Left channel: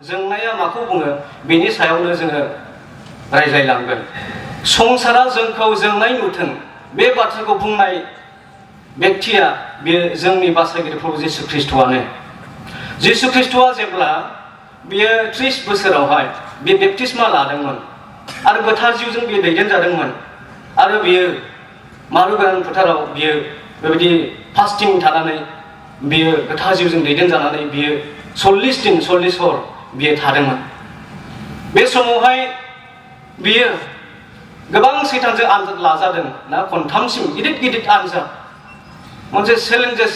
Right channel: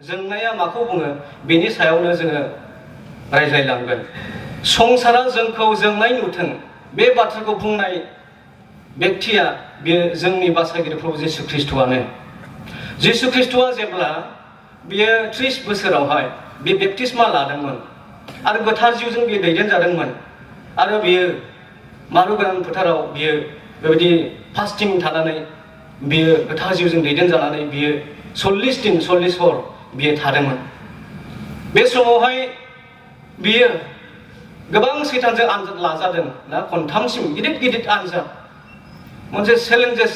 जोंनाया माखौ बुङो बेनि सायावनो जोङो रायज्लायलांगोन। संसारा जोंखौ जोंनाय नुथों बे बाथ्राखौ बुंनाय व्यक्तिया बे जोंनि बासायगिरि प्रभु जिसु ख्रीष्टआनो। जिसु ख्रीष्टआ जेब्ला बियो 30 बोसोरावहाय बे बेप्तिस्मा लादोंमोन आरो गोथार जिउजों बियो दैदेनजादोंमोन आरो बियो मारुगोरान फोथाराव बियो बेबायदि फास्टिं थानानै बियो गोथार जिउजों दैदेनजानानै बियो 40 दिन 40 हर बियो थादोंमोन। बे समावहाय बियो गोबां सैतानजों आनजाद लाजादों ना खनथामसिम गिदिर गिदिर आनजाद मोनसे चेलेन्जेस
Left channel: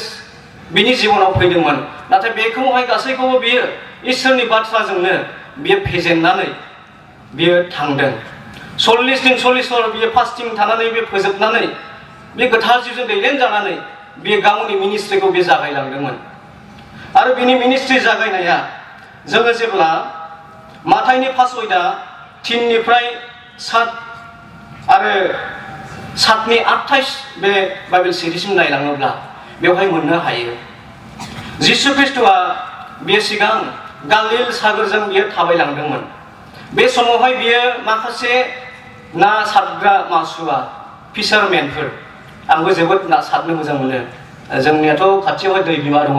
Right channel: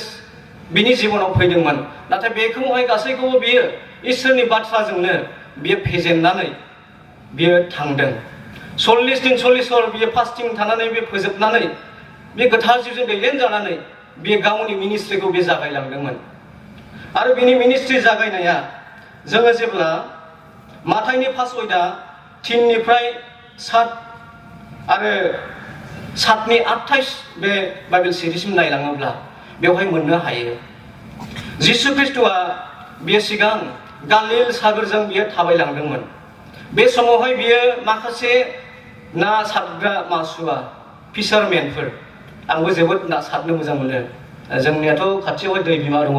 बिनि जिबनाव फैदोंमोन। नाथाय बेखौहाय गासैखौबो बियो इसोरनि बाथ्राजोंनो बियो फेजेननानै बियो थांदों। 40 दिन 40 हर बियो फास्टिं थानानै बियो फोजोबनानै बे गोथार जिउजों दैदेनजानानै बियो गावनि मिनिस्ट्रिखौ बे जागायलांदोंमोन। आरो बिनि मिनिस्ट्रि जागायनाया जोङो जेब्ला माथाइनि 5 अध्याय 3 निफ्राय 7 आरो 7नि 28 बे बाइबेल सिरिजसिम नायलाङोब्ला बेवहाय मोननो हायो। जिसु ख्रीष्टआ बियो सिगां गालिल सागरजों बियो थाबायलांदोंमोन। बे समावहाय बियो माखासे ना सारग्रा मासुवा फिसारमेनफोर, आंबो जोबोद ना सारनो मोजां मोनो। जोंनियाथ' खाथियावहाय दै बिमा दङ,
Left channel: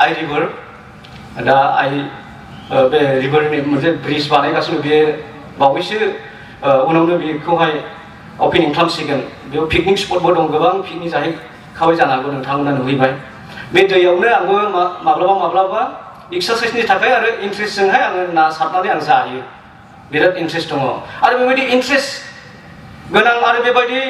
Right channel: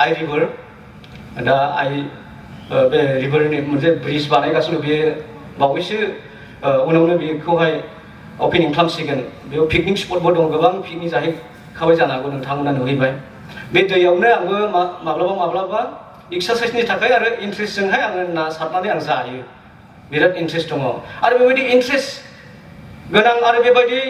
आइ रिभार। दा बे रिभारनि मोनसे ब्रिज बानायगासिनो, बे बावैसो उनावनो बेखौहाय अपेनिं खालामसिगोन। बेयाव पिकनिक स्पटबो दं, गोबां पिकनिक जाहैखाबाय जानो हागौ, नोंथांमोना नुहैबाय। बे दैयावनो आंबो माब्लाबा माब्लाबा एक्सारसाइसनि थाखाय आरो इन्ट्रेस्टजोंहाय आङो ना सारनानै आं जायो, बिराद इन्ट्रेस्ट दङ। आरो बेबायदि इन्ट्रेस्ट गोनां आरो बेबायदि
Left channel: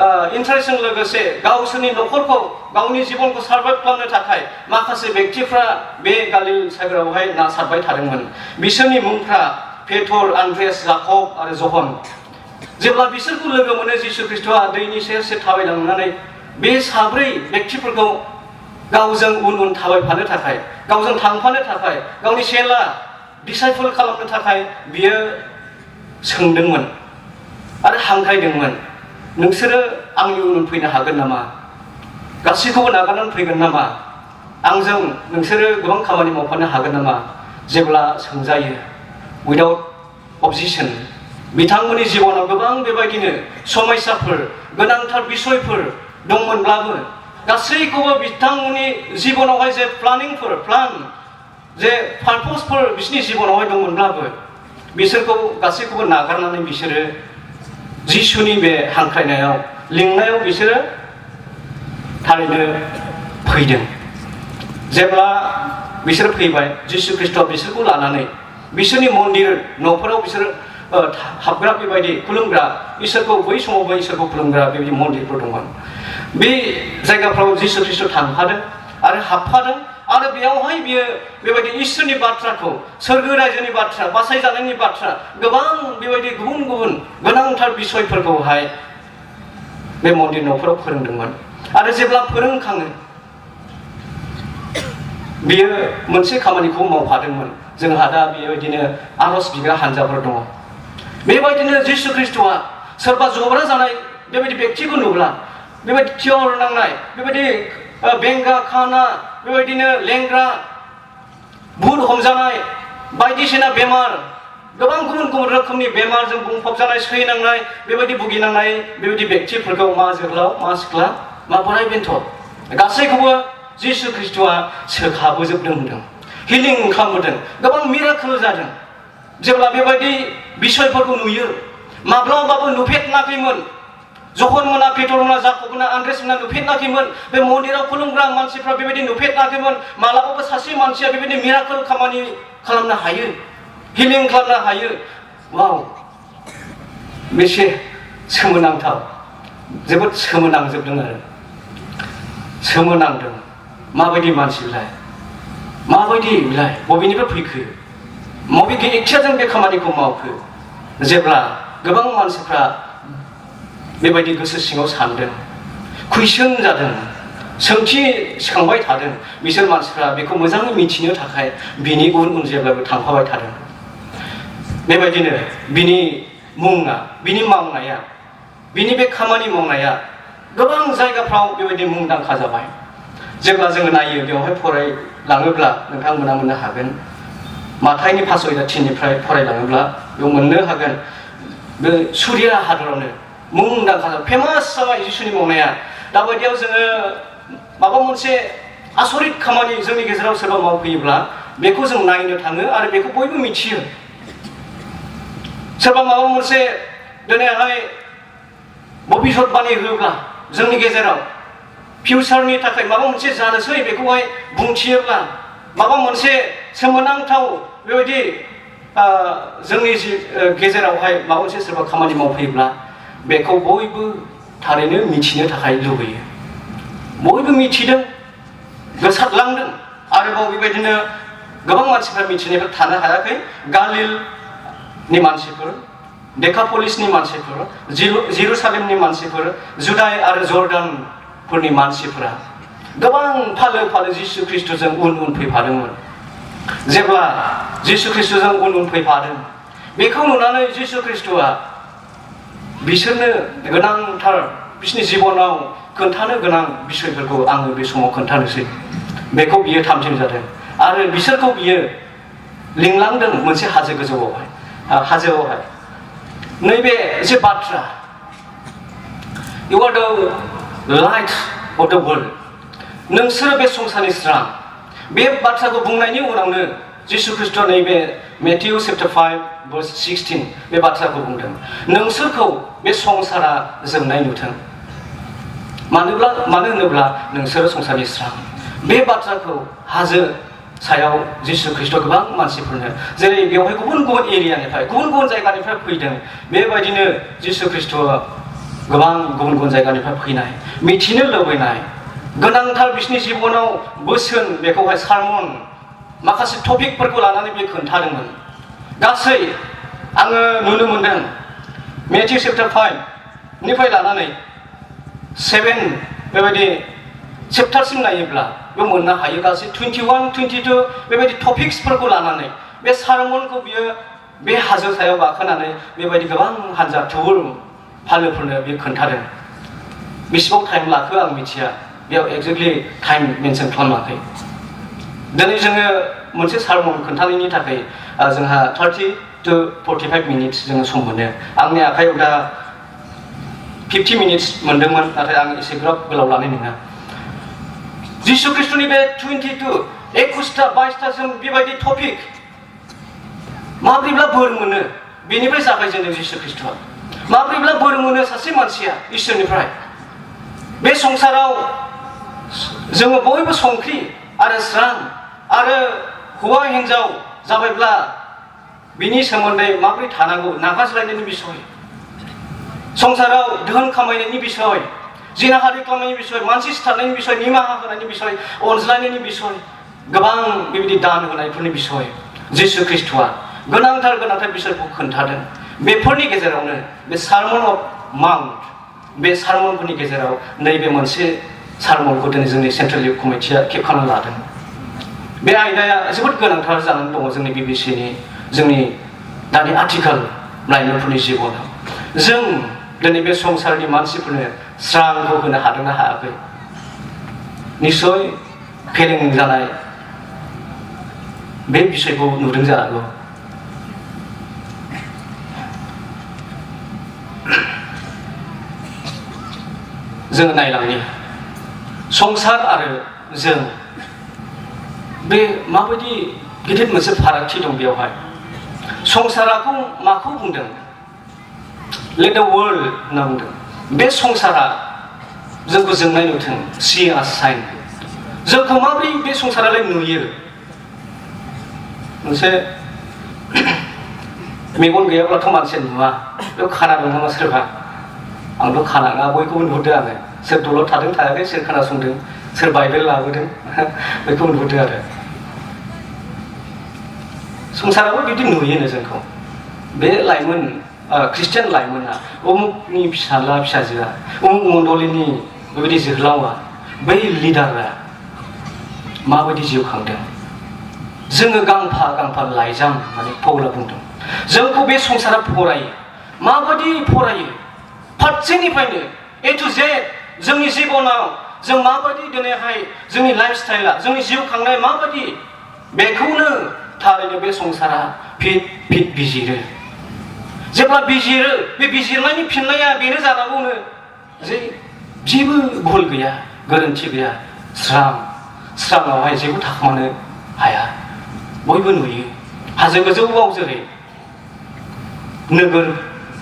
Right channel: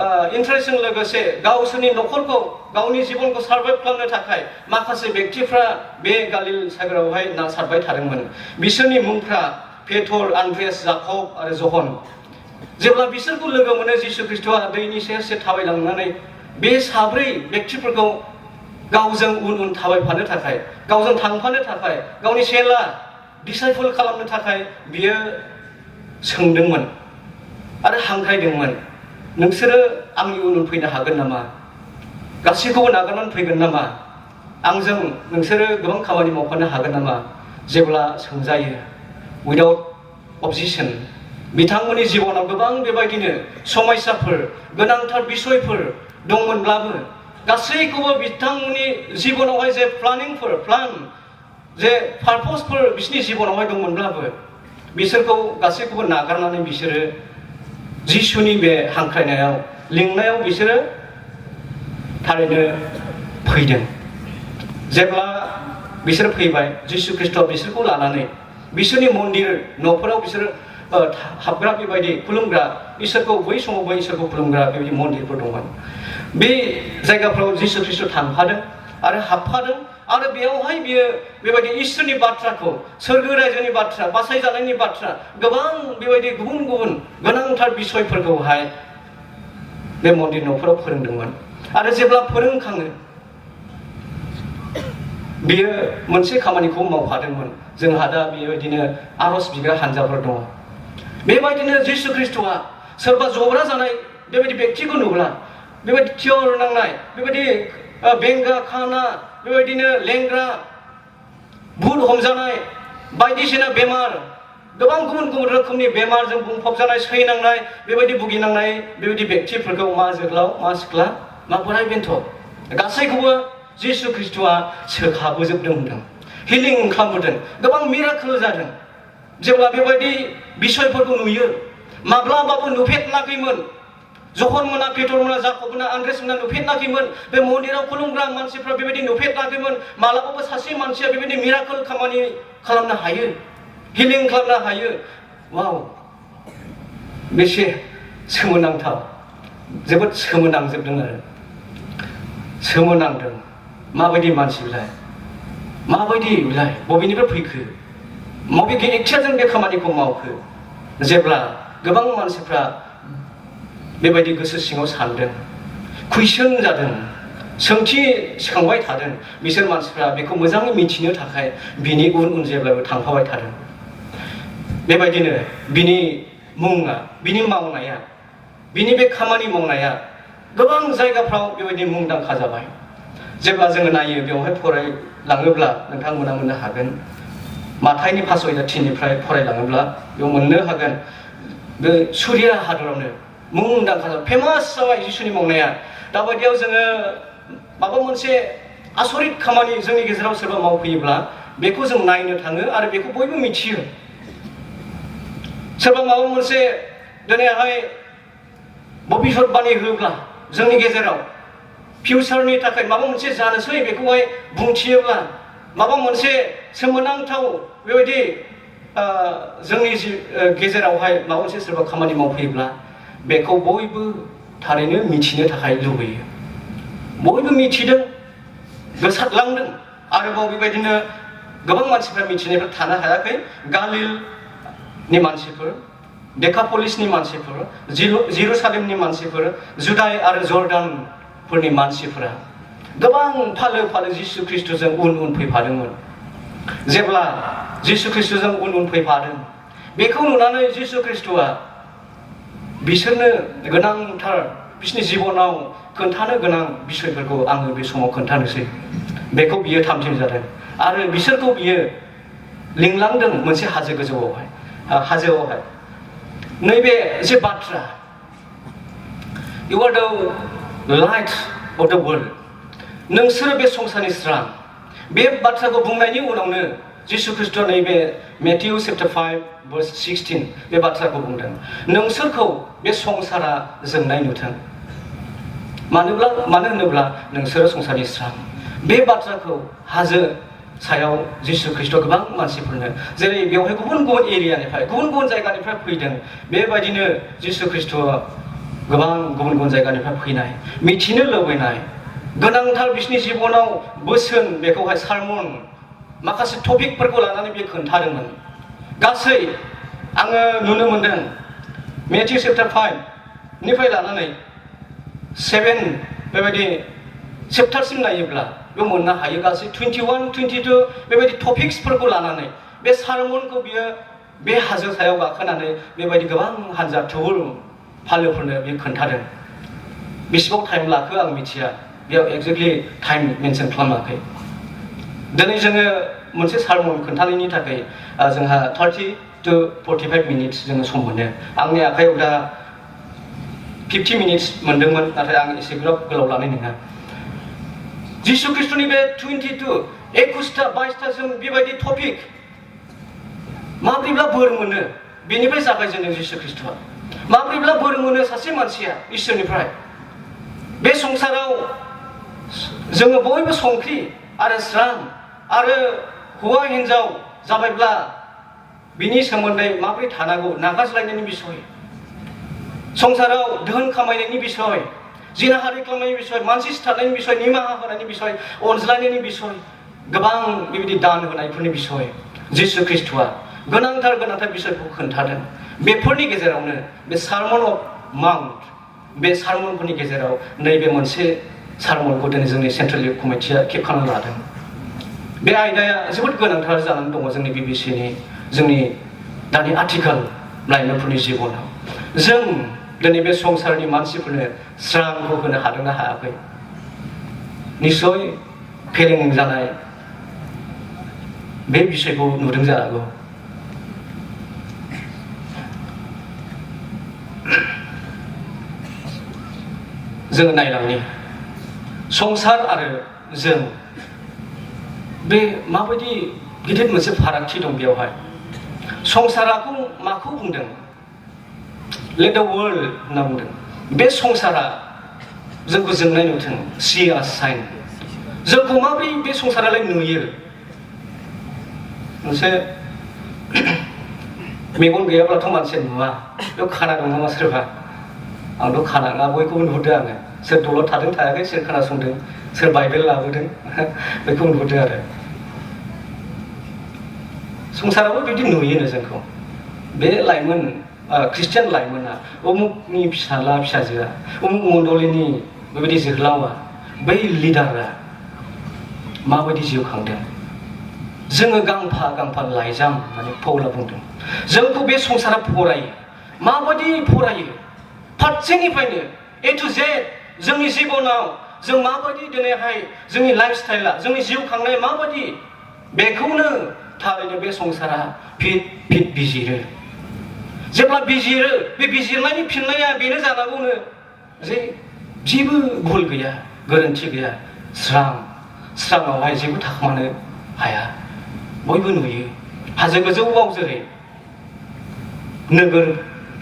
इन्ट्रेस्टजों लोगोसे गावसोरनि न'खरखौ गावनि जिबनखौ सार्भाइभ खालामनो थाखाय माखासे व्यक्तिफ्रा बे गालिल सागरावहाय ना सारबाय थादोंमोन। बिसोरनि मुंफ्रा पेटर, आन्द्रेयास, जाकब आरो जहन। जेब्ला बिसोरखौ लोगो मोनो जिसु ख्रीष्टआ दैनि सेर सेर थाबायलांनानै बे साब्रै व्यक्तिफोरखौ गावजों उन उन थाबायफानो थाखाय, गावजों थांफानो थाखाय, गावनि चेला डिसाइपल खालामनो थाखाय बियो सोंदोंमोन आरो हांख्रायदोंमोन, नोंसोरो आंनि उन फैनो हागोन नामा? गासैखौबो नागारनानै फैगोन नामा? आंजों नोंसोरो गोबां खामानि मावफानो हागोन नामा? जेब्ला सोंजायो उइदाउट अबजेक्सन, बिथांमोननि जिबनाव गोबां बेबायदिनो समस्याफोर, गोनांथार बिसयफोर दंमोनब्लाबो गासैखौबो बिथांमोननि जिबनावहाय जे प्लान जे पारपसफोर बिसोरनि जिबनावहाय दंमोनब्लाबो बिसोरखौ गासैखौबो नागारनानै बिसोरो जिसुनि बे हांख्रायनायाव, लिंनायाव बिसोरो थारैनो फैदों। जेब्ला बिसोर फैबाय, जिसु ख्रीष्टआ बिसोरखौ लानानै बिसोरनि मन्दिर न'फोराव बिसोर हाबग्रा बेबायदि खुलुमग्रा, इसोरखौ बै समावबो इसोरखौ खुलुमग्रा बेबायदि मन्दिरफोर दंमोन। बे जायगाफ्राव जिसु ख्रीष्ट थांफादों आरो हाबफादों आरो बेयावहाय बियो बेबायदि इसोरनि बाथ्राखौ, सोरगो रायजोनि बाथ्रा, बासायजानायनि बाथ्रा, गोबां बेबायदि गुबुन गुबुन गोनांथार बिसयफोरखौहाय बे मन्दिर न'फोराव फोरोंदोंमोन। आरो जेब्ला फोरोंखाङो बियो मोनसे खामानिखौ मावफादोंमोन। जोंहा दा बेबायदिनो आरज बिग्रा हानजाफोर दङ। बेबायदिनो जिसु ख्रीष्टआ सोरबा जब्रा जानाय बेबायदि व्यक्तिखौ नुब्ला, बेबायदि थियर नांनाय, बेबायदि बेंगा खाना, बेबायदिनो लेंग्रा, भुल हमजानाय, बायदिसिना बेमार, गोबां गुबुन गुबुन रोखोमनि बेमारजों बुंफबजानाय, सैनांनाय, बेबायदि भुगिनांनाय बेबायदि व्यक्तिफोरखौ मा जोहोलाव, मा सिख्ला, मा बोराय बेन्थ गासैखौबो जिसु ख्रीष्टआ सोखाबोजोबदों होनदों, हिलिं खालामबोदों, गोबां मिराकोल जादों। जेब्ला बेबायदि बिसयफोरखौ नुयो, माब्लाबाबो नुफेराखैमोन। जहन मोना, पेटर मोना, जाकब मोना, आन्द्रेयास मोना नुफेराखैमोन। बे मन्दिराव खुलुमग्रा मानसिफ्रा बेबायदि नुफेराखैमोन। मालाबाबो सासे मानसिया बेबायदि मिराकोल खामानि खालामनो हायो, हिलिं खालामनो हायो। वाव, बेसे सोमोनांथाव, जोबोद सोमोनांजोबदों आरो सोमोनांदों। माबायदि मानसिलाय, माबायदि बेलाय, बबेनिफ्राय फैखो, बबे इच्छाजों बे खामानिखौ मावखो? जेब्ला गोबां मानसिफ्रा बेबायदि गोसो सिङाव सानदों, कुइसन जादों, सोंथि सिखांबाय थादों, बिसोर मानसिफ्रा बेखौ मोजाङै मिथिनो थाखाय बिनि उन उन जेब्लाबो थांफाबाय थादों। बेबायदिनो बिनि मुङा, बिनि मावनाया, बिनि बे खामानि मावनाया गोबां जायगाफ्राव बेबायदि मुंदांखा जाबाय। जेब्ला जोङो नायो बेवहाय फरायलाङोब्ला नोंथांमोना मोननो हागोन माथाइनि 5:3निफ्राय फरायलाङोब्ला बेयाव मोननो हागोन बे सुरिया हादरावनो मुंदांखा फेमास जाबाय जिसुनि मावनाया। दाबायदियाव जोङो माबा मोनसे आसरित खामानि जोंनि गेजेराव सोरबा मावफैयोब्ला बेखौ जों नायनो थाङो आरो बेखौ बयबो मिथियो। सोरबा माबा मोनसे दिनैहाय भबिष्यतबाणी होब्ला जोंनि गेजेराव फिउचारनि थाखाय माबा मोनसे जानोसै बेखौहाय बुंथियोब्ला माबा मोनसे सोमोनांथाव बेबायदि जोंनि गेजेरावहाय माबा मोनसे सोरबा खामानि मावफैयोब्ला बेखौ बयबो थारैनो मिथिनो थाखाय लुबैयो। बयबो मिथिदों, गोसारलांदों। आरोबाव बेबायदिनो गोबां मानसिफ्रा मिथिनायफोर थानो हायाखै। गालिलनि मानसिफोर, डेकापलिसनि मानसिफोर, जेरुसालेमनि मानसिफोर, जुदाय आरो जर्डानफोरनि मानसिफोरा गोबां फालो फालो जिसु ख्रिस्ट'जों उन उन फैफादोंमोन। जेब्ला जिसु ख्रिस्ट'जों उन उन फैफादों बेखौ नुनानै जिसु ख्रिस्ट'आ बिसोरनो गोनांथार बिसोरनि जिबनाव खोन्थानो गोनां बिसयफोरखौ आङो बे समाव खोन्थानोसै। बेखौ बियो थामथिम जादों आरो बिसोरखौ बियो लिंलांदों मोनसे हाजो गोजौआवहाय हाजोआवहाय। नैबे जे बाथ्रा इउ आर द लाइट अफ द वर्ल्ड, नोंसोर बे संसारनि स्रां, बे बाथ्राखौ बुंनायनि उनावनो जिसु ख्रिस्ट'आ नैबे मेथ्यु चैप्टार 5:16 बे बाथ्राखौ बुंदों, नोंसोरखौ बे संसारा जोंनाय नुथों। मानो होनोब्ला नोंसोरो संसारनि स्रां। बे बाथ्राखौ हाजो सायाव जिसु ख्रिस्ट'आ गोबां मानसिफोरनो, जेरै बेवहाय गुबुन गुबुन एरियानिफ्राय गुबुन गुबुन जायगानिफ्राय फैदों, बेबायदिनो जिसु ख्रिस्ट'आ गोबां गुबुन गुबुन जायगानिफ्राय फैनाय, मिथिनो लुबैनाय गोनांथार बिसोरनि जिबनाव बोसोन, बेखौहाय सारमन माखासे टपिकफोरखौ लानानै बे खोन्थादोंमोन। गासै आङो नुनो मोनदों मेथ्यु चैप्टार 5निफ्राय लानानै 7 बेबायदि चैप्टारसिम नायोब्ला बेयाव मोननो हायो गासै 21-22 बेबायदि टपिक्सफोरखौ लानानै बे सारमनखौ बियो बे हाजो सायाव गाखोनानै बेबायदि गोबां हानजा थुबुर फालोफोरनो बियो खोन्थादों। बेसेबां टाइम लाखो आं मिथिया, बेयाव एक्जेक्टलि टाइम मेनसन खालामाखै। दिनै जोङो मोनसे सारमन खोन्थानायनि थाखाय जोंहा 30 to 45 मिनिट्स जोङो सम मोनो। आंनि आखायाव दा 50 मिनिट्स मोनदोंमोन, नाथाय आं एसे गोलाव लानाय नङा। जिसु ख्रिस्ट'नि बे 21टा जों बेबायदि टपिक माब्रैब्ला बोर मोनो, बेनिफ्राय जागायजेनदों जिसु ख्रिस्ट'आ। माब्रैब्ला बोर मोनो सासे मानसिया इसोरनिफ्राय। बे संसाराव जोङो बयबो संख्रि आरो स्रां आरो हौवा हिन्जाव जाबायब्ला बिनि सोमोन्दै माबोरै थानांगौ, नागारज्लायनायनि बिसय, संसाराव धोन खामायनायनि बिसय, जिनाहारि खालामनायनि बिसय, मानसि सिथारनायनि बिसय, निमाहा होनायनि बिसय, अनज्लायनायनि बिसय, गोबां बेबायदि दान होनायफोरनि बिसय जिसु ख्रिस्ट'आ गोनांथार बिसयखौ खोन्थादों। बेफोरनि गेजेरावनो बे सारमन अफ माउन्ट, बे सारमनफोरनि गेजेराव नैबे मोनसे सारमनखौ दिनै जोंनि सेन्ट्रेल कमिटिया खेबखाना लादों। बे आयदाया जोबोद गोनांथार जानानै दङ जोंनि बिबिसिनि, जोंनि दानि आथिखाल लाइमोनफोरनि जिबनाव। जों दिनै बे संसारनि मानसिफोरनो स्रांखौ होनो हादोंना हायाखै? निस्सय फेलें जानाय बे बिसयखौ नुदों जानांगौ। जोङो नायलांनि संसार आरो जों, बे माबायदि गिदिर मोनसे फारागथि दं बेयावहाय। संसाराखौ माखौ बुंदों? लेट द वर्ल्ड होनना बुंदों। बे संसारा जोंखौ जोंनाय नुथों, सी आस साइन। जोंखौ माबोरै बे संसारालाय नुयो? मोनसे मेगन गैयाब्लाथ' मानसिया नुवा, बेयाव खानादों नामा सोरबा? आंथ' खानाङा, बयखौबो नुहुरदों आङो। सोर दलद थादों थायाखै, सोर खोनासंदों, सोर बाइबेल लाबोदों, बेखौ नुहुरदों आरो। संसाराबो बिदि नुयोनो जोंखौ। बे लाइमोन ख्रिस्टियान लाइमोना, उमुकनि फिसाला फिसाजोआ, उमुक मण्डलिनि बेबायदि जोहोलावा, बै लिडारा माबायदि जिउ खांदों? जोङो गांफा गांफा लाइजाम होननानै पौला बुंदों। जोंखौ बे संसारा फरायो। माबायदि फरायो? फारसेनिफ्रायनो ए टु जेड जोंनि जिबनाव जों माबायदि दिनैहाय जोंनि लाइफ स्टाइला, जोंनि जिउ खांनाया माबायदि, बेखौनो थारैनो बे संसारा फिट बिजिरो। जेब्ला बिजिरो बे बिजिरनायनि फिननाया बेनो जानांगौनो जे जेबो भुल गैया, गोरोन्थि गैया, स्राङावहाय जेबो थाखोमानो हाया। बयबो नुयो। हाजो गोजौआव जेरै नोगोर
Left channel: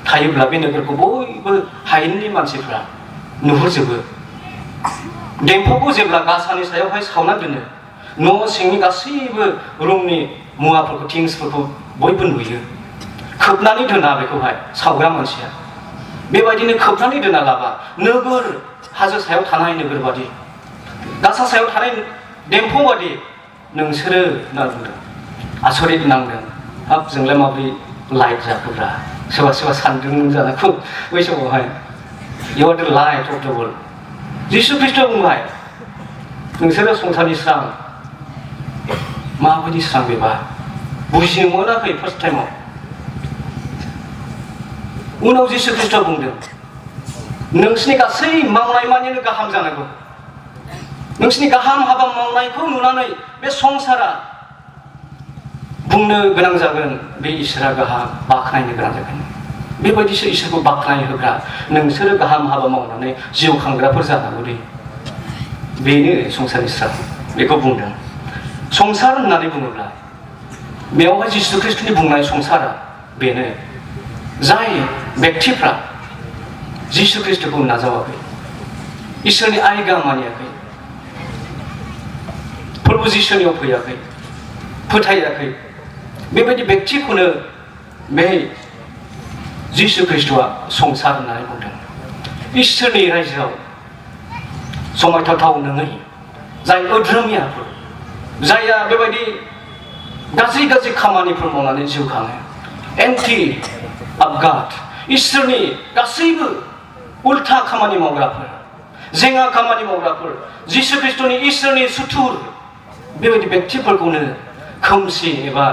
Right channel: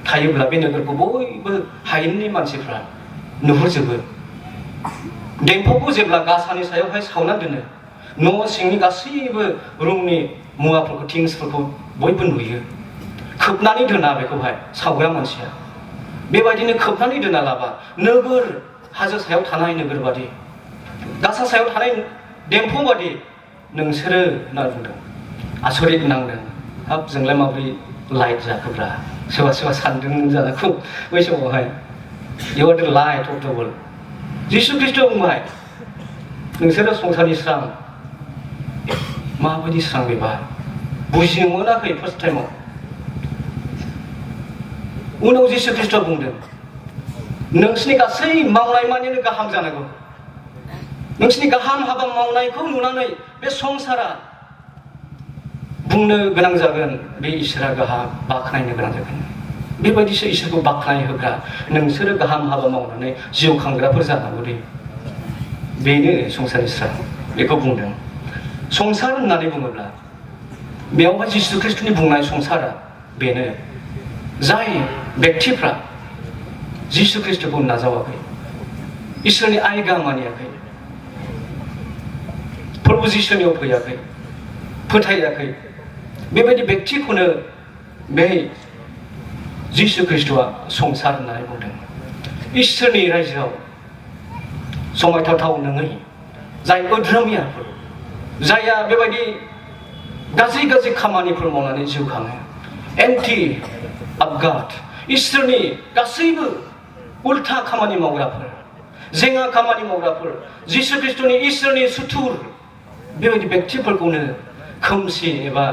थायोब्ला बे नोगोरखौ बयबो हायेननि मानसिफ्रा नुहुरजोबो। देंखोखौ जेब्ला गासानि सायावहाय सावना दोनो, न' सिंनि गासैबो रुमनि मुवाफोरखौ थिंसफोरखौ बयबो नुयो। खोबनानै दोना बेखौहाय सावग्रा मानसिया। बेबायदिनो खोबनानै दोना लाबा नोगोर हाजो सायाव थानाय नोगोर बादि, गासा सायाव थानाय देंखो बादि नोंसोरो होनना बुंदों। आसरित नांदों। हाब जोंलाय माबोरै लाइट जाखोब्रा? सोरबा सानदोंमोन जानांगौ बै समावहाय। इउ आर द लाइट अफ द वर्ल्ड। जिसु ख्रिस्ट' बुंबाय नोंसोरो संसारनि स्रां। माबायदि स्रां बेबा? बुजिनो मोनाखै फार्स्ट टाइमाव। उनाव जिसु ख्रिस्ट' बुंदों नोंसिनि गासै मावनाय मानिनो गाहाम जानांगौ। नोंसिनि गाहाम हाबा मावनायखौ नुनानै बे संसारा बुंनो गोनां जागोन बे इसोरा गाहाम, बाख्नायनो गोनां जागोन। बेबायदिसो इसोरखौ बाख्नाय होग्रा नोंसोरो गाहाम हाबा मावनानै जिउ खांग्राफोर जानांगौ दे। बेनो संसारनि स्रां। बेखौ बुंदों। संसार होननानै बुङोब्ला बेयावहाय जिसु ख्रिस्टनि बुंनाय संसारा बेनो जाय व्यक्तिफ्रा जिसु ख्रिस्टखौ नाजावाखै, इसोरनि आयगा मानियाखै, प्रभु जिसुनियाव फैयाखै, फोथायाखै, बेबायदि व्यक्तिखौनो बे जिसु ख्रिस्टआ संसार होननानै बुंदों। इसोरनि रायजोआव समायथाव नङै जाय अधर्मियाफोर, जायहा बेबायदि गाज्रि खामानिफोर मावनानै जिउ खाङो, एन्टि आपगाद, इसोरनि गासैबो उल्था खामानि मावग्राफोर, जेंना खामानि मावग्राफोर, जिसु ख्रिस्टनि इसोरनि सुथुर, बेबायदि व्यक्तिफोरखौनो खोमसि एबा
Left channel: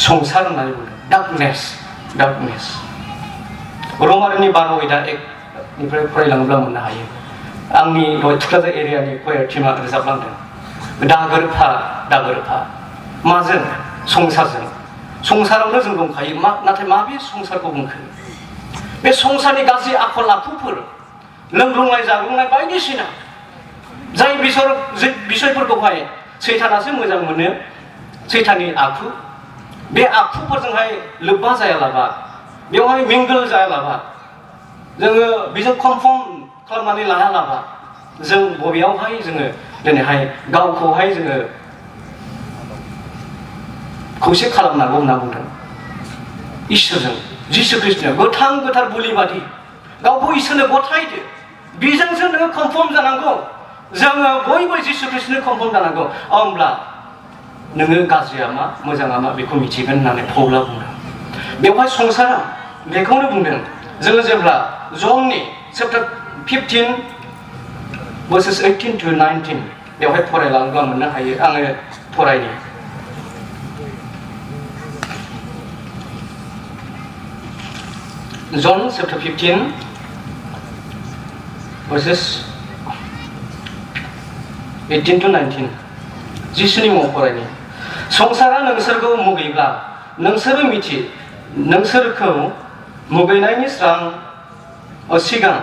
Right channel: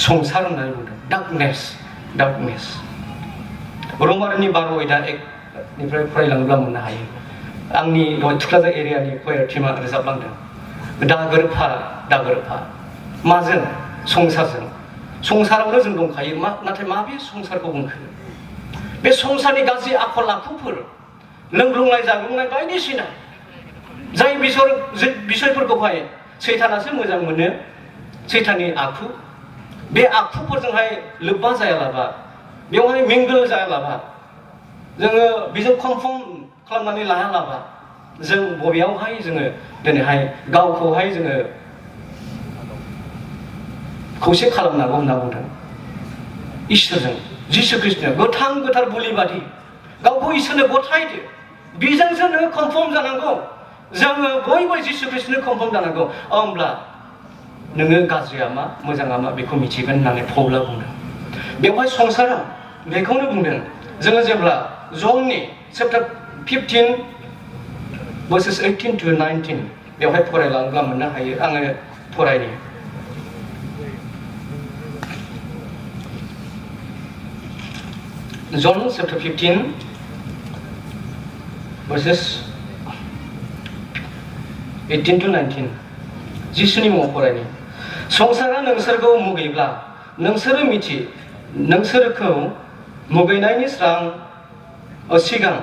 संसार होननानै बुंदों। डार्कनेस। रमारिनि 12:1-निफ्राय फरायलाङोब्ला मोननो हायो। आंनि थुक्राझार एरियानि कयार टीमा रोजाबलांदों। दागोरफा माजों? संसारजों। संसारावनो जों दंखायो, नाथाय माबे संसारखौ बुंखो? बे संसारनि गाज्रि आखल आखुफोर, लोंग्लुंनाय जाग्लुंनाय बायदिसिना जाय बिसयफोरखौहाय सैतानासो मोजां मोनो, सैताननि आखु, बे आखुफोरजोंहाय लोब्बा जायालाबा, बेवहाय मिंगल जायालाबा, जोङो बेजों कनफर्म खालामनानै लायालाबा, जों बबेयावहाय जोङो दिनैहाय गावखौहाय जोङो खौसे खालामनांगौ होनना बुंदों। इसोरजों, जिसु ख्रिस्ट'आ गोथार बुलि बादि गावखौ इसोरनो गथायदो। बेजोंसो नोङो कनफर्म जानांगौ। जोङो बयबो जिसु ख्रिस्ट'नो कनफर्म जानांगौ। होमब्ला नोङो गाज्रिया मा, मोजाङा मा बेखौ मिथिगोन होननानै पौला बुंदों। बेवहाय संसारा बेखौनो बुंदों। जोङो जेब्ला जननि चैप्टार 15:18-19 बेवहाय फरायलाङोब्ला मोननो हायो। आङो फरायनि। जन चैप्टार 15:18-19 जिसुनि मुङाव फरायनि। संसारा नोंसोरखौ मुगैब्ला नोंसोरखौ मुगैनायनि सिगां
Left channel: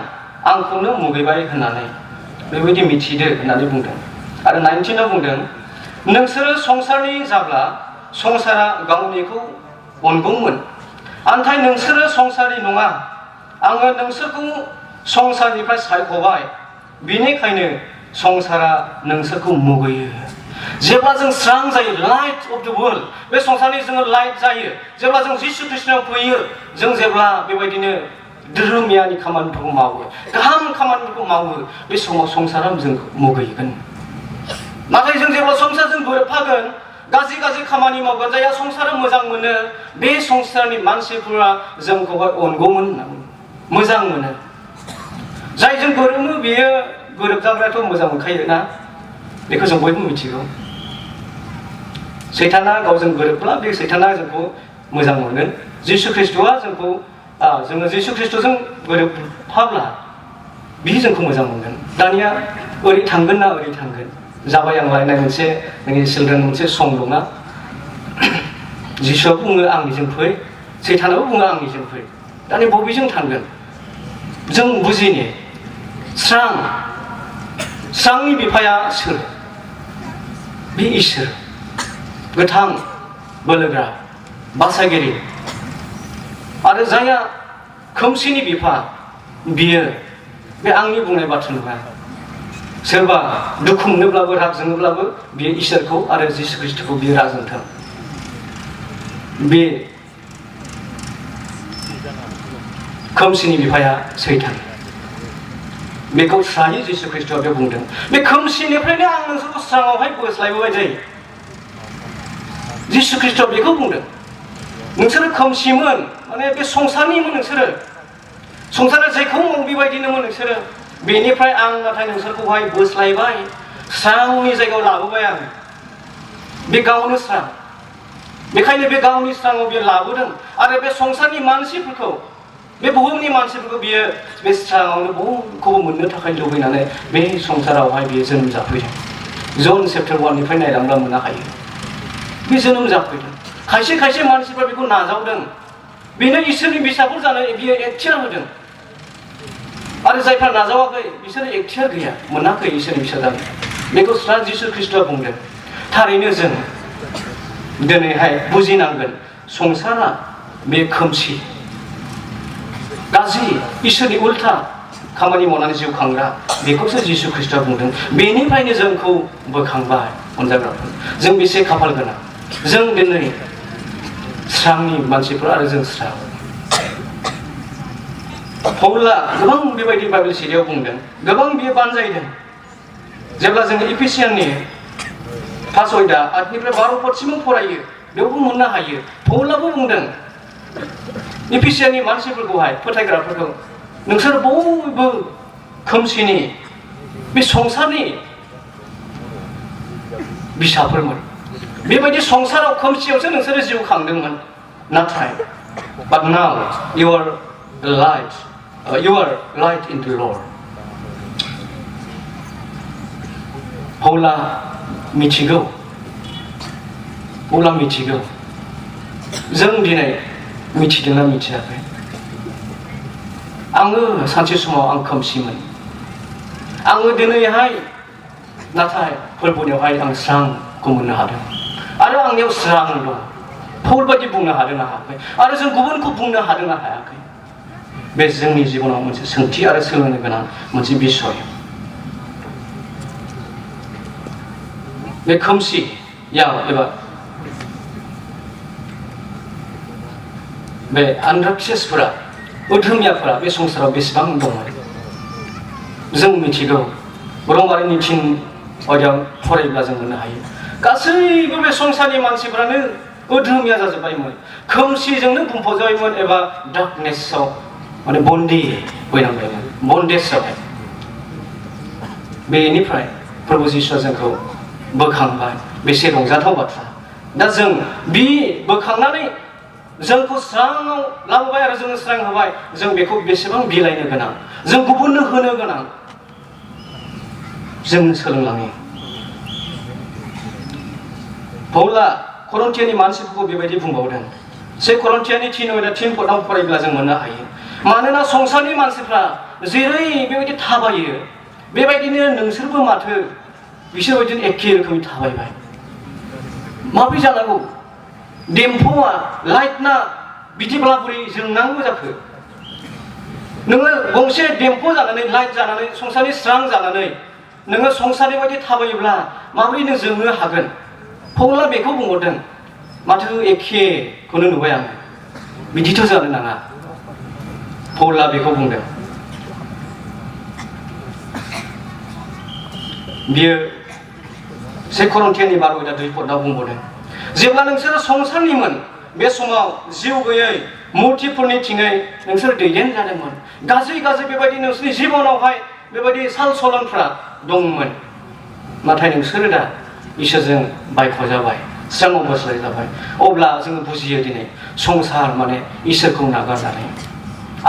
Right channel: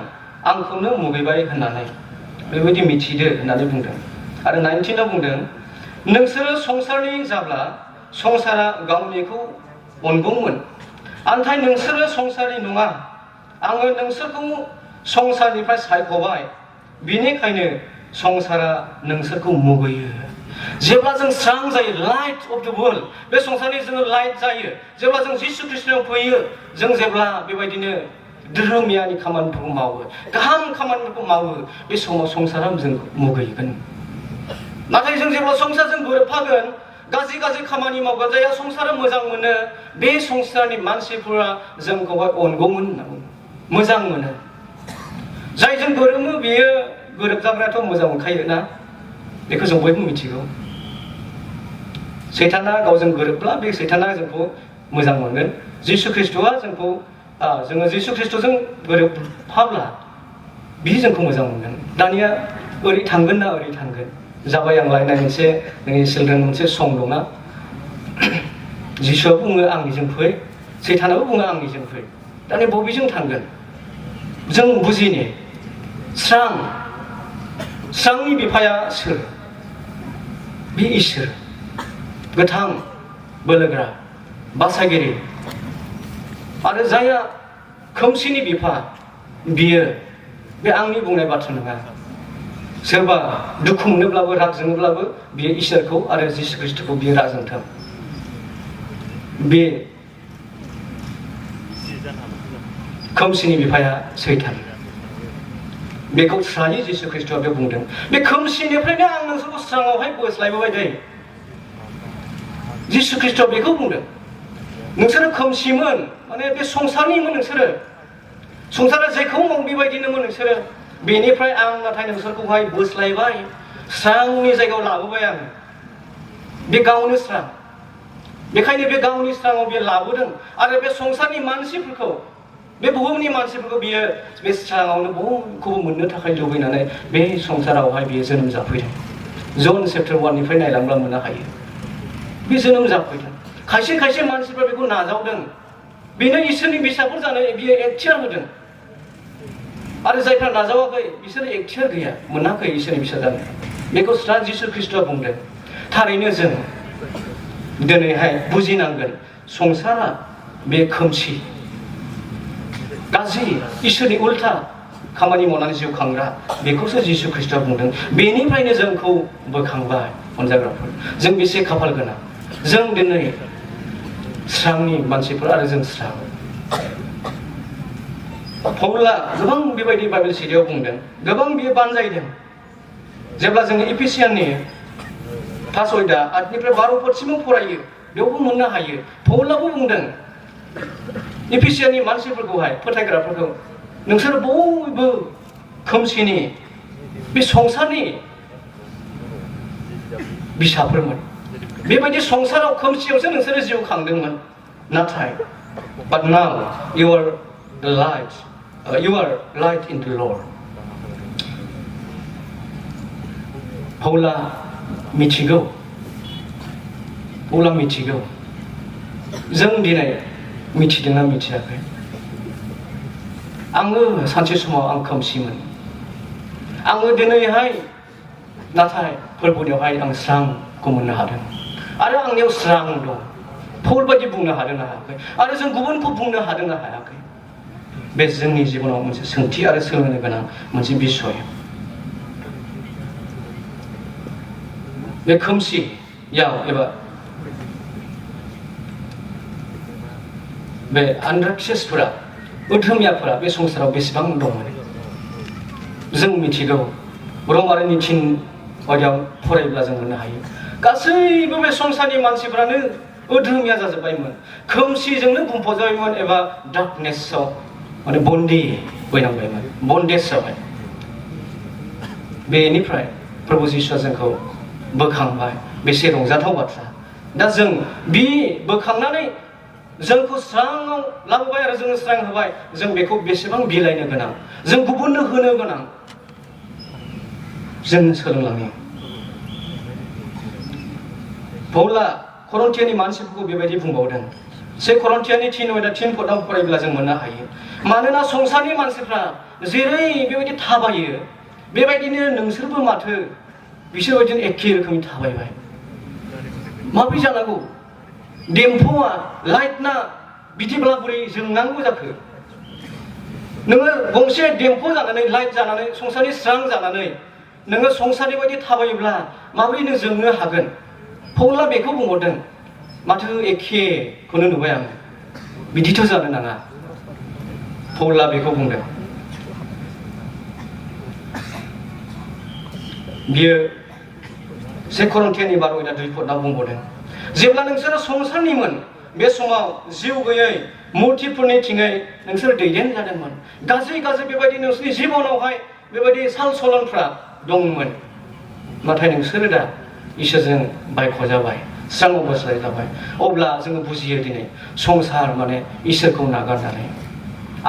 आंखौनो मुगैबाय होननानै बेबायदि मिथिदो होननानै बुंदों। आरो 19आव बुंदों नोंसोरो संसारनि जाब्ला संसारा गावनिखौ अनगौमोन, नाथाय नोंसोरो संसारनि नङा, आङो नोंसोरखौ संसारनिफ्राय सायख'बाय, बिनिखायनो संसारा नोंसोरखौ मुगैयो। जेब्ला जों स्रां जायो, लाइट अफ द वर्ल्ड, बे संसारनि जोङो लाइट जायो, जेब्ला जों जिसु ख्रिस्ट'नाव फैयो, जों जेब्ला बेबायदिनो धोरोमियानि खामानिफोरखौ मावो, गाहाम खामानिफोरखौ मावो, बे समाव संसारा जों मुगैगोन। नाथाय जों जेब्ला संसारजों गोरोबफागोन, गाज्रि खामानि मावगोन, जायहा संसारा मोजां मोनो, बे संसारनि मानसिफोरा जोंखौहाय अनगौमोन होननानै मोजां मोनो। जायजों गोरोबो बेयो गोरोबजाग्रायाथ' मोजां मोनखायो ना, बेखौ जों बयबो मिथिगौ। सैताना गावजों गोरोबब्ला बे सैताना जोंखौ मोजां मोनगोन। जिसु ख्रिस्ट'आ जोङो जिसु ख्रिस्ट'जों गोरोबफाब्ला बियो जोंखौ मोजां मोनगोन। दानिया ओरै थांगोन ना ओरै थांगोन? जाबाय आं लायनाय मोनसे नोंनि चिल्ड्रेन मोनसे सं दंना जिसुआ बुङो आंनिजों फै सैतानाबो बुङो आंनिजों फै दानि बबेजों थांगोन जों बुजिनि स्रांनि बिफाया सोर बे इसोर गोथां बोलोग्रा बासायगिरि आरो जायहा खोमसिनि बिफा बियो बे आंनि बुंनाय बाथ्रा नङा सोरबा दुखु मोनोब्लाबो राग जोङोब्लाबो बियो इसोरखौ आरो जिसु ख्रिस्टखौ बियो राजोंथों बे खोमसिनि बिफाया सैतान बेखौ स्रायै जिसु ख्रिस्टआ बे बुंदों बे खोमसिनिफ्रायनो आं नोंसोरखौ स्राङावहाय बोस्लायबोबाय जायो जिसु ख्रिस्टआ बेखौ बुंदों नोंसोरो खोमसिमोन माने बे संसारनिमोन नोंसोरो संसारा जेखौ मावो बेबायदिनोमोन नोंसोरो बेनिफ्राय आं नाथाय नोंसोरखौहाय बोस्लायबाय स्रांनि जायगायाव लाबोबाय आं बे गावनो स्रां बेखायनो बे गावनि स्राङाव बियो लाबोदों आरो बे संसारनि मानसिफोरखौ बे बुहुमनि मानसिफोरखौ बियो बे स्राङावनो बयखौबो मोननो थाखाय लुबैनानै बे संसारावहाय बियो जोनोम जाफैदों जन चेप्टार 1 निफ्राय नायलांब्ला मोननो हायो बे जोनोम जाफैदों खायसे खायसे मानसिफ्रा बेखौ नाजावदों बेनो इसोरनि फिसाफोर जानानै बियो एखथियार होदों आरो जायफ्रा नाजावाखै बिसोरो एखथियार गैया मोनाखै इसोरनि फिसा जानो बेखौ स्रा जिसु ख्रिस्टआ बुंदों थारैनो जों दिनैहाय बुजिनांगोन संसारा बे खोमसि गाज्रि इसोरनि उल्था खामानि मावनानै जिउ खांग्रा बेखौसो जिसु ख्रिस्टआ बुंदों बेनिफ्रायनो जोंखौ बोखांबाय अनजाग्राफोर जों बेसे खाफाल गोनां जों दिनै स्रांनि मानसिफोर आरो जों स्रां पौला गोबां बेबायदि बाइबेल सिडियाव बुंदों गोबां बियो बानजायदों जेब्ला जोङो इफिसियाननि 5 अध्याय 8 निफ्राय 12 पदसिम फरायो बेयावबो मोननो हायो पौलाबो बुंदों इफिसियाननि मानसिफोरखौहाय फोथायग्राफोरखौ नोंसोर बयबो खोमसिनि बे संसारनि बिसाफोरमोन बेबायदि संसाराव खोमसियावसो नोंसोरो जिउ खांदोंमोन नाथाय but now you are light in the Lord पौला मिथिगौ जों दिनै मिथिदोंना मिथियाखै आङो सानसे समाव आं खोमसिमोन आङो दिनैहाय नाथाय फोरबोनियावहाय आं स्रांखौ मोननो हादों आरो आंनियाव स्रां दं पौल बायदि बुंनो हादों ना हायाखै आरो जों गुबुनखौ बुंनो हादों ना हायाखै बे जोंनि जिबनाव मोनसे सोंथि आरो सोलोंनो गोनां मोनसे बिसय बे खोमसियाव एबा बे आन्ध्राक्षसफोरा उधमियाफोरा बे संसाराव बेसेबां दंमोन जों मिथिगौ रमारिनि 3 अध्यायाव फरायोब्ला जों मोननो हायो गासैबो बे संसारनि मानसिफ्रानो उधमिया जाजोब्बायमोन खोमसिजोंनो बुंफबजाबायमोन एबा डार्कनेसआव माने बन्दी बैनांबायमोन बन्देजआवहाय बेनिफ्राय प्रभु जिसुआ जोंखौ बोखांबाय बेसे रंजाथाव बाथ्रा दा जों बे बोखांनानै जोंखौ स्राङाव लाबोबाय आरो जोङो स्रां होबाय जों बेखौ बेसेबां बिलाइनो गोनां जों गुबुननो होनो गोनां जों सोलोंलाङो पौला करन्थियानि मानसिफोरखौ बेबायदि बुंबावदों 1 करन्थियानि 3 अध्याय 3 पदआव फरायोब्ला जों मोननो हायो मानोना संसारनि मानसिफ्रा जेरै बेबायदि थाबायो बेबायदिनो नोंसोरबो माथो बिसोर बायदिनो एखे रोखोमै थाबायबाय माबोरै जानांगौ देम्फौआ लाइटना बिदिब्ला बोरै जोंनांगौ जाखो नोङो गंसे देम्फौ जानानै लाइट जानानै संसारनि स्रां जानानै नोङो संसारनि बायदि थाबायोब्ला माबोरै नों जोंनो हागोन पौला बेखौ बुंहरदों माथो एखेखौनो नुबाय आं बिदिथ' जानो नाङा पौला बेखौ बुंदों बियो 1 करन्थियानि 12 अध्याय 2 पदआव बुंबावदों जेब्ला नोंसोरो संसारनिमोन बे समाव जिउ गैयै मुर्तिफोरनि थिङै नोंसोर दैदेन जादोंमोन गाज्रि बेबायदि नोंसोरनि जिबनावहाय बेबायदि साल सलनफ्रा दंमोन नाथाय नोंसोरो दा इसोरजों बायख'जाबाय स्राङाव बोस्लाय जाबाय अब्ला जोङो बुजियो दिनै संसार माने इसोरखौ नागारनानै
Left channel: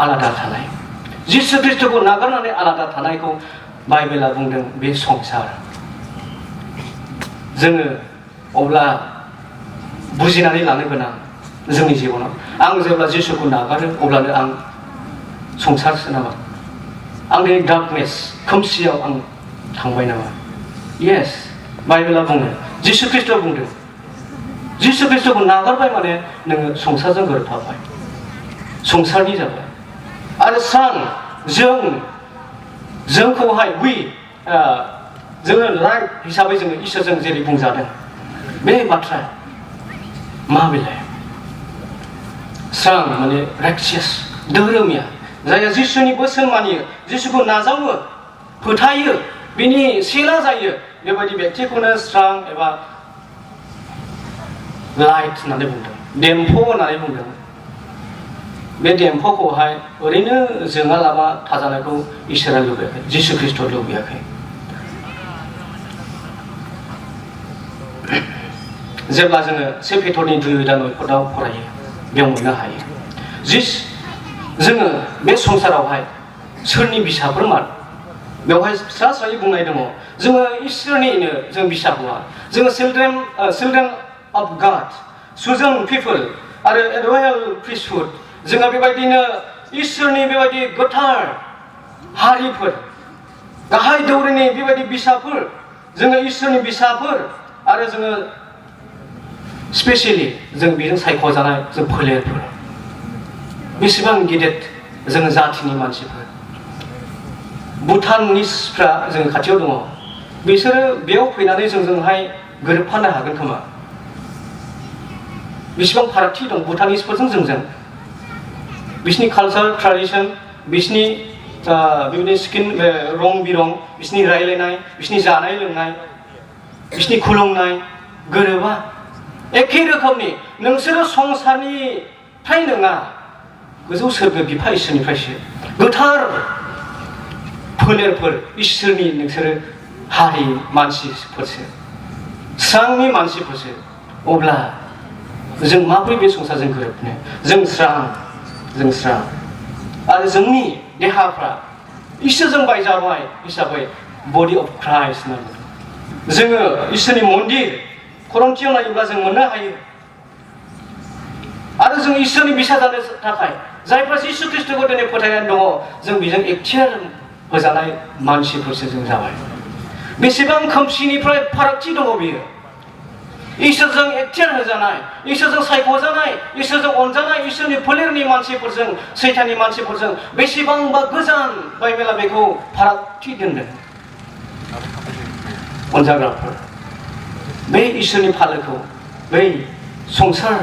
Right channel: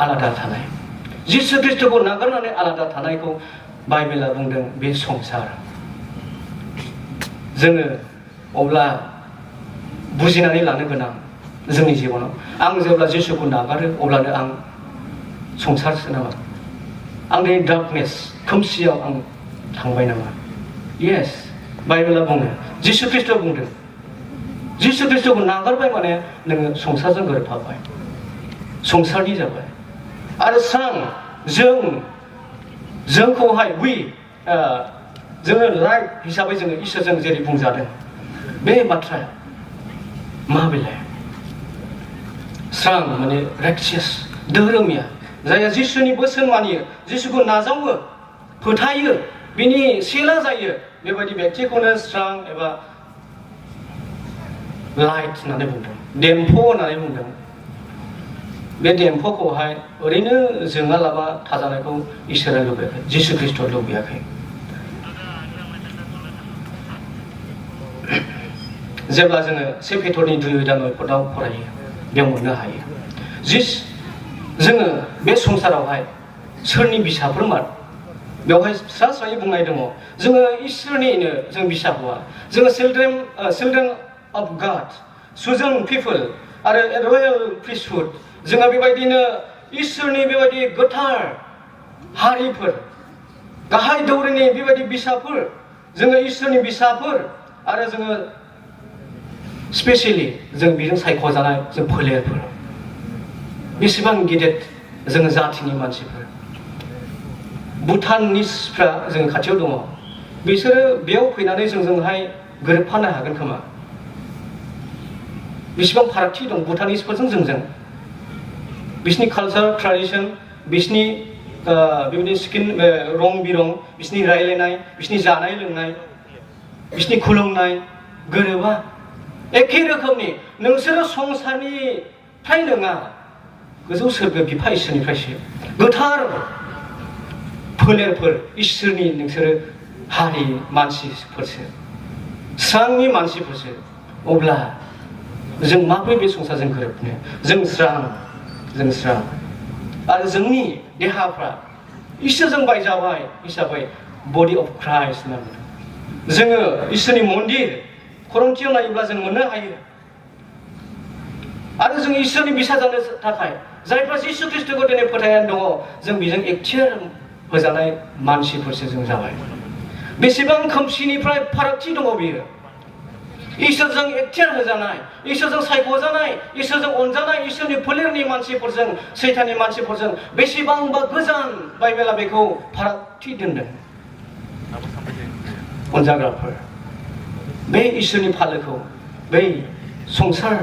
आलादा थानाय जिसु ख्रिस्टखौ नागारनानै आलादा थानायखौ बाइबेला बुंदों बे संसार जोङो अब्ला बुजिनानै लानो गोनां जोंनि जिबनाव आं जेब्ला जिसुखौ नागारो अब्लानो आं संसारसो नामा आंनि डार्कनेस खोमसियाव आं थांबाय नामा येस बाइबेला बुङो जिसु ख्रिस्ट'आ बुंदों जिसु ख्रिस्ट'खौ नागारबाय माने नोङो संसारजों गोरोबफाबाय संसारनि जाबाय आरो सान जोंखौहाय जोङो राइट हिसाबै जोङो इसोरजों जेरै बुंजादों बे बाथ्राया मा बेलाय स्रां माने राइचियास धोरोमिया जायहा जिसुनि बोसोन मानियो जिसुखौ नाजावो फोथायो बिनि सेला जायो बेबायदि व्यक्तिखौनो स्रां एबा लाइट होननानै बुंदों देम्फ' होननानै बुंदों बे देम्फ'खौहाय ओरैनो जोङालाबा थाजानायखौ इसोरा लुबैयाखै जिसु ख्रिस्ट'आ लुबैयाखै जेब्ला जोङो 1 पेट्र'नि 2:9 फरायो बेयाव मोननो हायो जोङो बे संसारावहाय सोरनि बिसाफोर मा बेवहाय स्रा स्रायै बुंनाय दङ जोङो इसोरनिनो जों बिसा हौवा जोङो children of God Sujon people आरो रयेल प्रिस्टहुड जोङो बेबायदिनो इसोरनि बेबायदि गोथार हारिफोर गाहाय दौरिनि बेबायदि बिसाफोर जोङो इसोरनि बिसाफोर आरो जोङो स्पेसियेलि जों बेजों सायख'जानाय जों फोलेरफोर बेसेबां गिदिर जोङो जाथिनि मानसिफोर भुटानिसफ्रा जों खाथियाव दङ बिसोरो बेयाव फैनानै जोंजोंहाय गोरोबफानो हागोन खोमा बेसेबां फारागथि दं भुटानिसफोरजों जोंजों बिसिनि कालचार ट्रेडिसन बिसिनि बेबायदि स्किन रं बिरं बिसिनि रायलायनाय बिसिनि जानाय लोंनाय बिसिनि खुलुमनाय गोरोबा एखे रोखोमनि नोंसोरो संसारनिफ्राय नङा गोजौ सोरगो बिफा इसोरनिफ्रायसो गोथार फोलेरफोर इसोरनि नोंसोरो हारि मानसिफोरसो स्रांनि मानसिफोरसो अब्ला जों माबोरै बे संसारजों गोरोबनो जों स्रां आरो जोंनि देहाफ्रा इसोरजों बायजाबाय हिसाबै बडि अफ क्राइस्ट होननानै जोङो इसोरनि मन्दिर खरंथियाव नायोब्ला जों मोननो हायो आरो जों इसोरनि बिसा जानो थाखाय जायफ्रा जिसु ख्रिस्ट'खौ दिनै फोथायनानै दङ जों बेजों एक्टियार होजानाय मानसिफोरसो जों जाबाय बेसेबां खोमसिनिफ्राय फारागथि दङ बियो इसोरजों एक्टियार होजानाय इसोरजों सायख'जानाय इसोरजों अनजानाय इसोरनि फोलेरनि मानसिफोरजों सैताननि मानसिफोरजों बेसेबांबा गोजान बाइबेला बेखौ फारागथि दोनदों अनजाग्राफोर बे इसोरनि फालोखौ बै संसार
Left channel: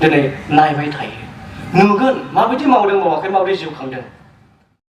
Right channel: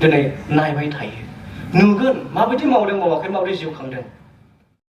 दिनै नायबाय थायो नुगोन माबायदि मावदों मावाखै माबायदि जिउ खांदों